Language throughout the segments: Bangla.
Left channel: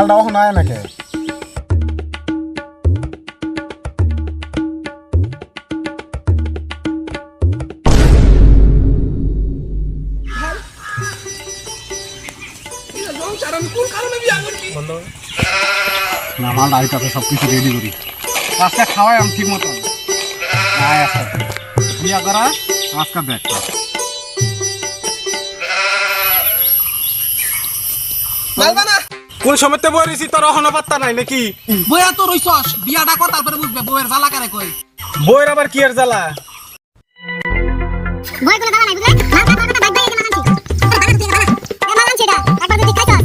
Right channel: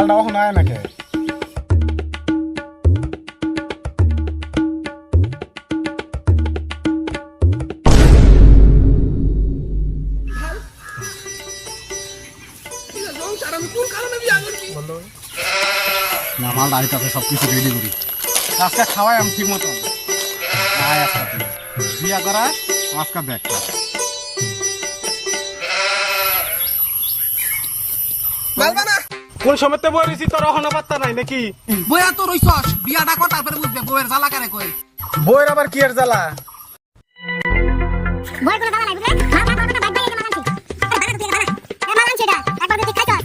মালটা ওখানে আয় নাকি না মালটা আইতাতে সব কিছু রেডি করি আজকে খাওয়াই আমি ঠিক মতো আয় আজকে। বিয়া করা আজকে দেখ কোন সময়তে বলেছি তোর অহনো নাই নাকি বইয়া তো রইছস বিয়াটা কর তারপরে বুঝবে বউয়ের জ্বালা কারে কই বইয়ের আবার কি আর জ্বালা বই কোনো দাম নাই বুঝলে মা মা কথা বাইক বাইক মানানছি বানান তুই বানান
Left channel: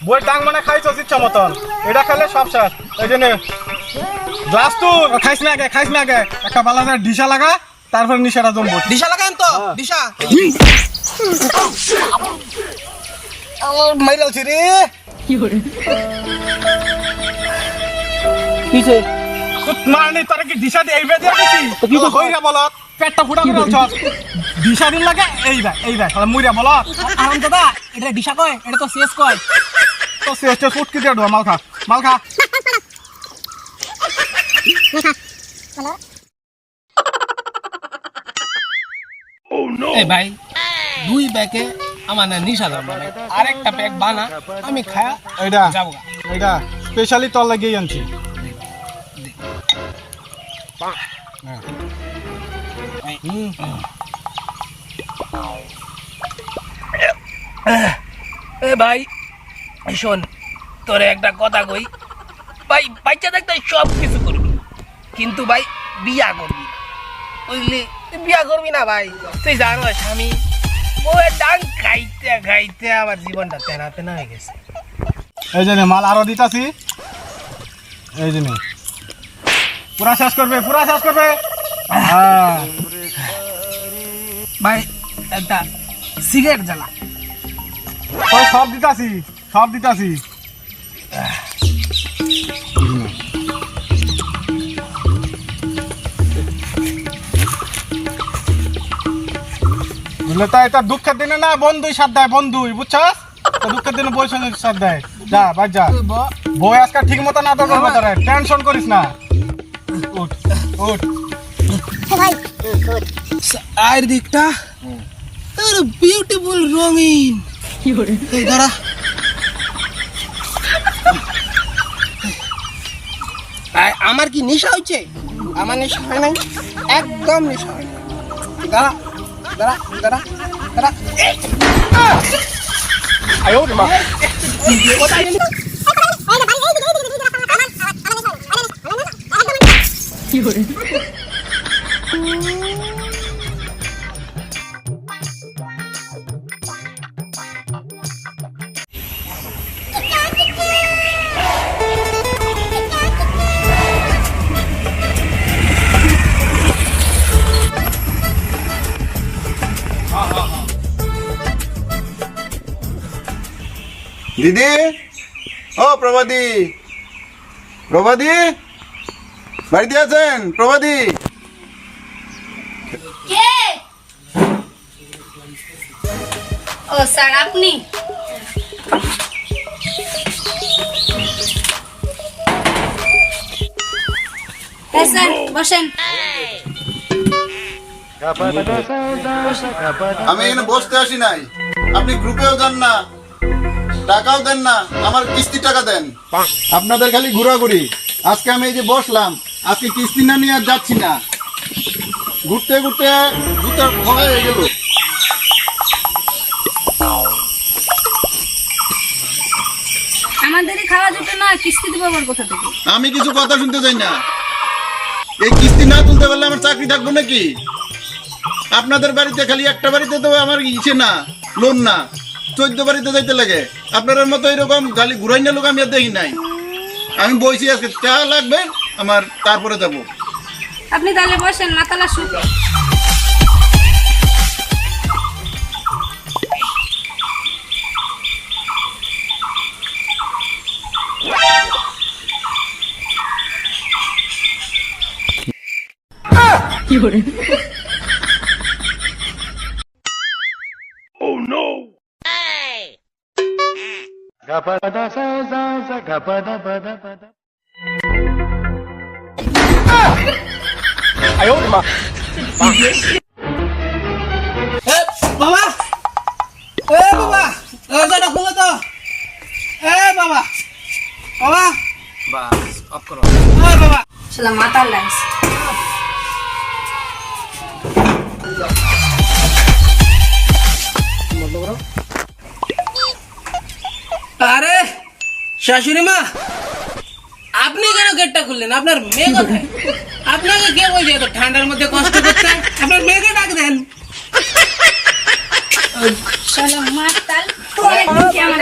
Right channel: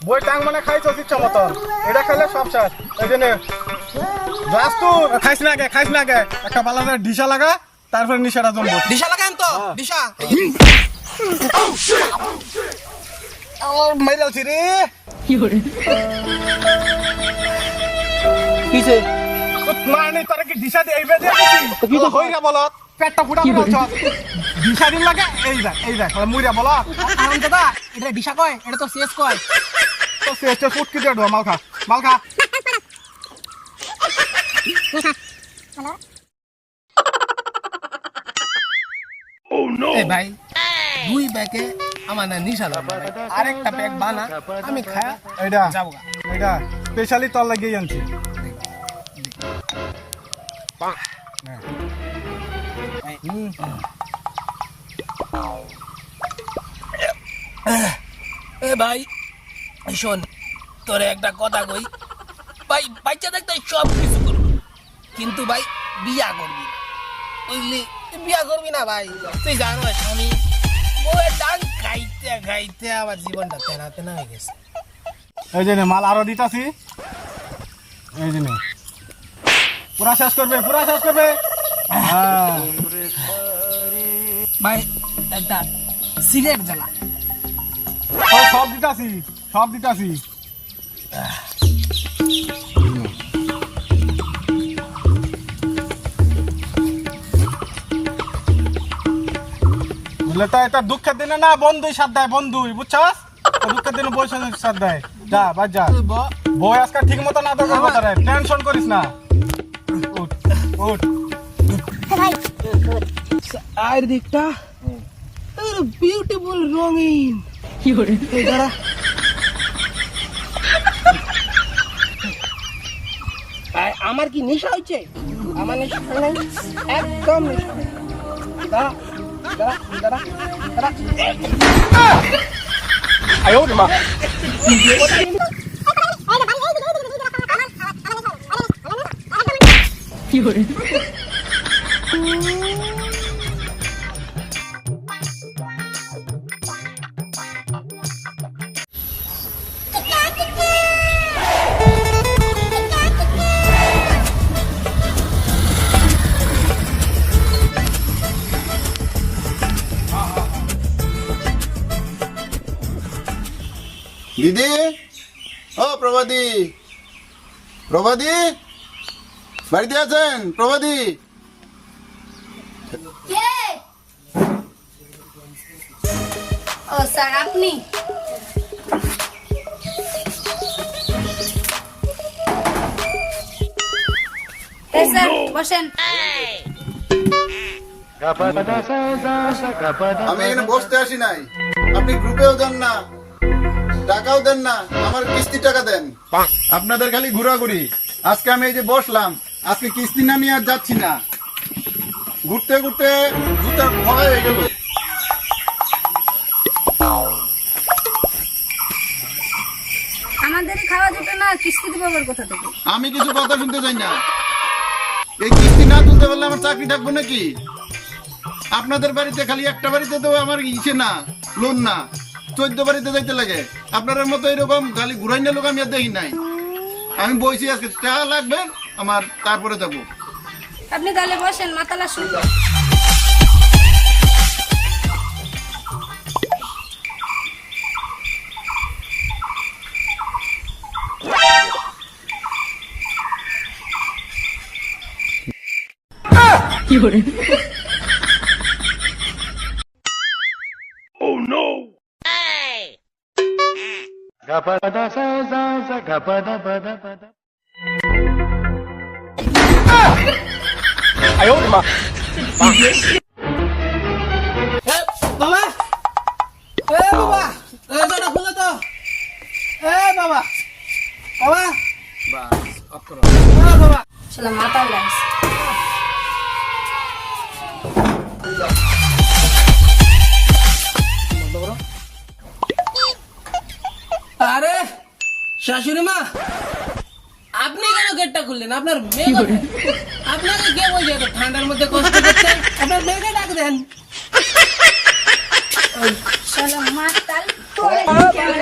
বই টাং মানে খাইছস ইচ্ছা মতন এটা খাইলে সব শেষ এই যে নে। গ্লাস তো খাইস না আগে খাইস না আগে? একটা বালাদের ডিশা লাগা তারপর নিশাটা জমবো দিশা লাগাইন তো দিশা। আমার মাইরালছি রে কিছে মানে তোরা কি দিশা দিয়ে এইবে দিয়ে দিছি হইরা বল পেটটা ফুটা বল দিশা দিন লাগে এই দেখ এই দেখ মুইরা বল আরাম দাদা এটা দিশা কয় এটা তো শেষ কয়। তো শেষে ফুটকি দিয়ে ঢো মাল খা মাল খা ভাই দুই ব্যাগে আমার না নিশা আরেকটা ব্যাগ বানা আমি খা এইটা যাব। এইটা স্পেশালি তোর লাগিয়ে আনছি। এ ভাই শোন তোরে একটা কথা কই। ভাই বাচ্চা দেখতে সব কিছু করবি। কিন্তু ভাই বিয়া করবি বুঝলি? তুই বিয়া করবি না ভাই। তুই জানোস আমি বউয়ের ডাং খাইতে খাইতে আমার জীবনটা তেনা তেনা হয়ে গেছে। এই যে মাল আরও দিতাছি। এই যে পুরা শেষ করবে পুরা শেষ করবে। হ্যাঁ। ভাই একটা সিগারেট জ্বালা। সব- সব দিতাছি। সব দিতাছি। তো এটা দুঃখের দিনে না বন্ধুই দেয় বন্ধুই বুঝছস? দুঃখের দিনে বই সঙ্গে সাথ দেয়। যা বাজ যা। বই আজকে ঠিক মতো না তো করব টেনশন করিস না। উঠ উঠ। আর দিকটা বিউটিফুল রঙিন। কি করে দাঁড়া আ- আমার কি নেশা হয়েছে? আমার নেশা হয় নাই একদম নেশা হয় নাই। দাঁড়া দাঁড়া দাঁড়া দাঁড়া। এই না ভাই এই দিদি? ও প্রভাদি প্রভাদি বাড়িতে আছেন? প্রভাদি ও স্যার আপনি? হ্যাঁ বসেন। আমি এখানে বসতে আসি নাই। আপনি গ্রুপেও যান না। টাকাও দেন না আমার কিস্তি টাকা দেন। আপনাদের খালি ঘোরাঘুরি। আজকে আমি এই যে বসলাম আজকে কিস্তি না নিয়ে আর যাচ্ছি না। ঘুরতে ঘুরতে ঘুরতে ভয় গেল আমাদেরই খাওয়া যেত না কিস্তি দেবো আবার কোথা থেকে? আমি কিছু কথা শুনতে চাই না। এই কিস্তি না তুলতে পারলে আমার চাকরি থাকব নাকি? আপনাদের বাড়িতে খালি একটা বাড়িতে তো আমার ইচ্ছে না লোন না। চোদ্দ বাড়িতে যাইতে লাগে। আপনাদের মতো এরকম খালি ঘুরাই না লোক আমি আর দেখি নাই। আমি বইছি আজকে টাকা লাগবে আমার তারপরে দেবো। আপনি তাহলে বসেন মাতালা 哎呦，我的妈。শাশুড়ি মা আপনি কেন গেটটা খুললেন? আপনার মেয়ে আপনাকে কে বলছে এত ঠান্ডার মধ্যে কষ্ট করতে আপনার মেয়েকে ডাক দেন। শালা মাতাল তোরে কেমন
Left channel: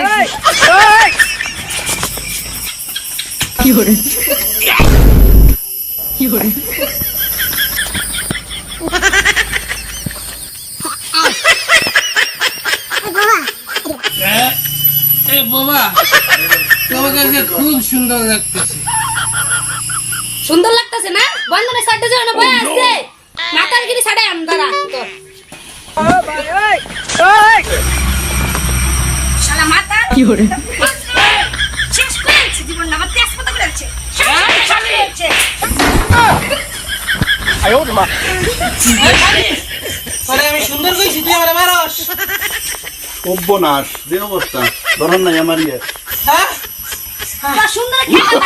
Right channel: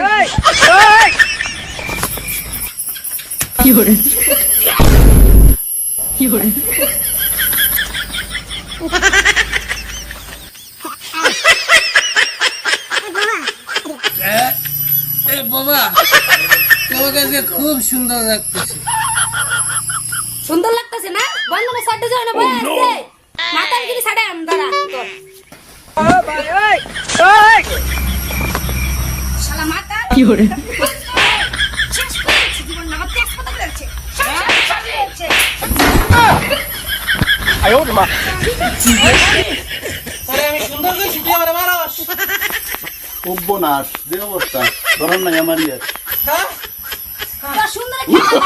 বাবা। তোমাকে আজকে খুব সুন্দর লাগতেছে। সুন্দর লাগতেছে না? বন্ধনে সাইডে যাও না বয় গিরি সাইডে কি হরে আমি সুন্দর করে মারস। অব্যনাশ যে অবস্থা। ধরেন নাই আমার ইয়ে। হ্যাঁ? তোরা সুন্দর খেলা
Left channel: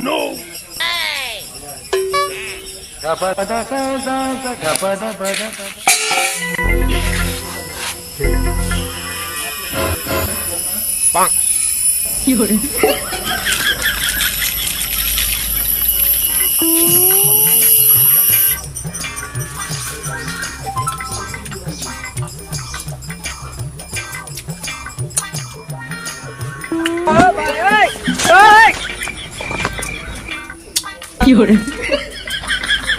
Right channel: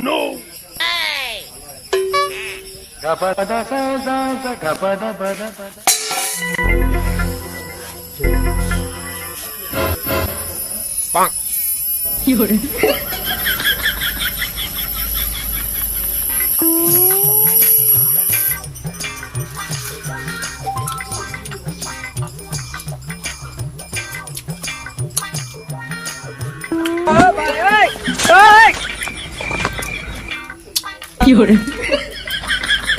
নো নো নো নো বাচ্চাটাকে আমি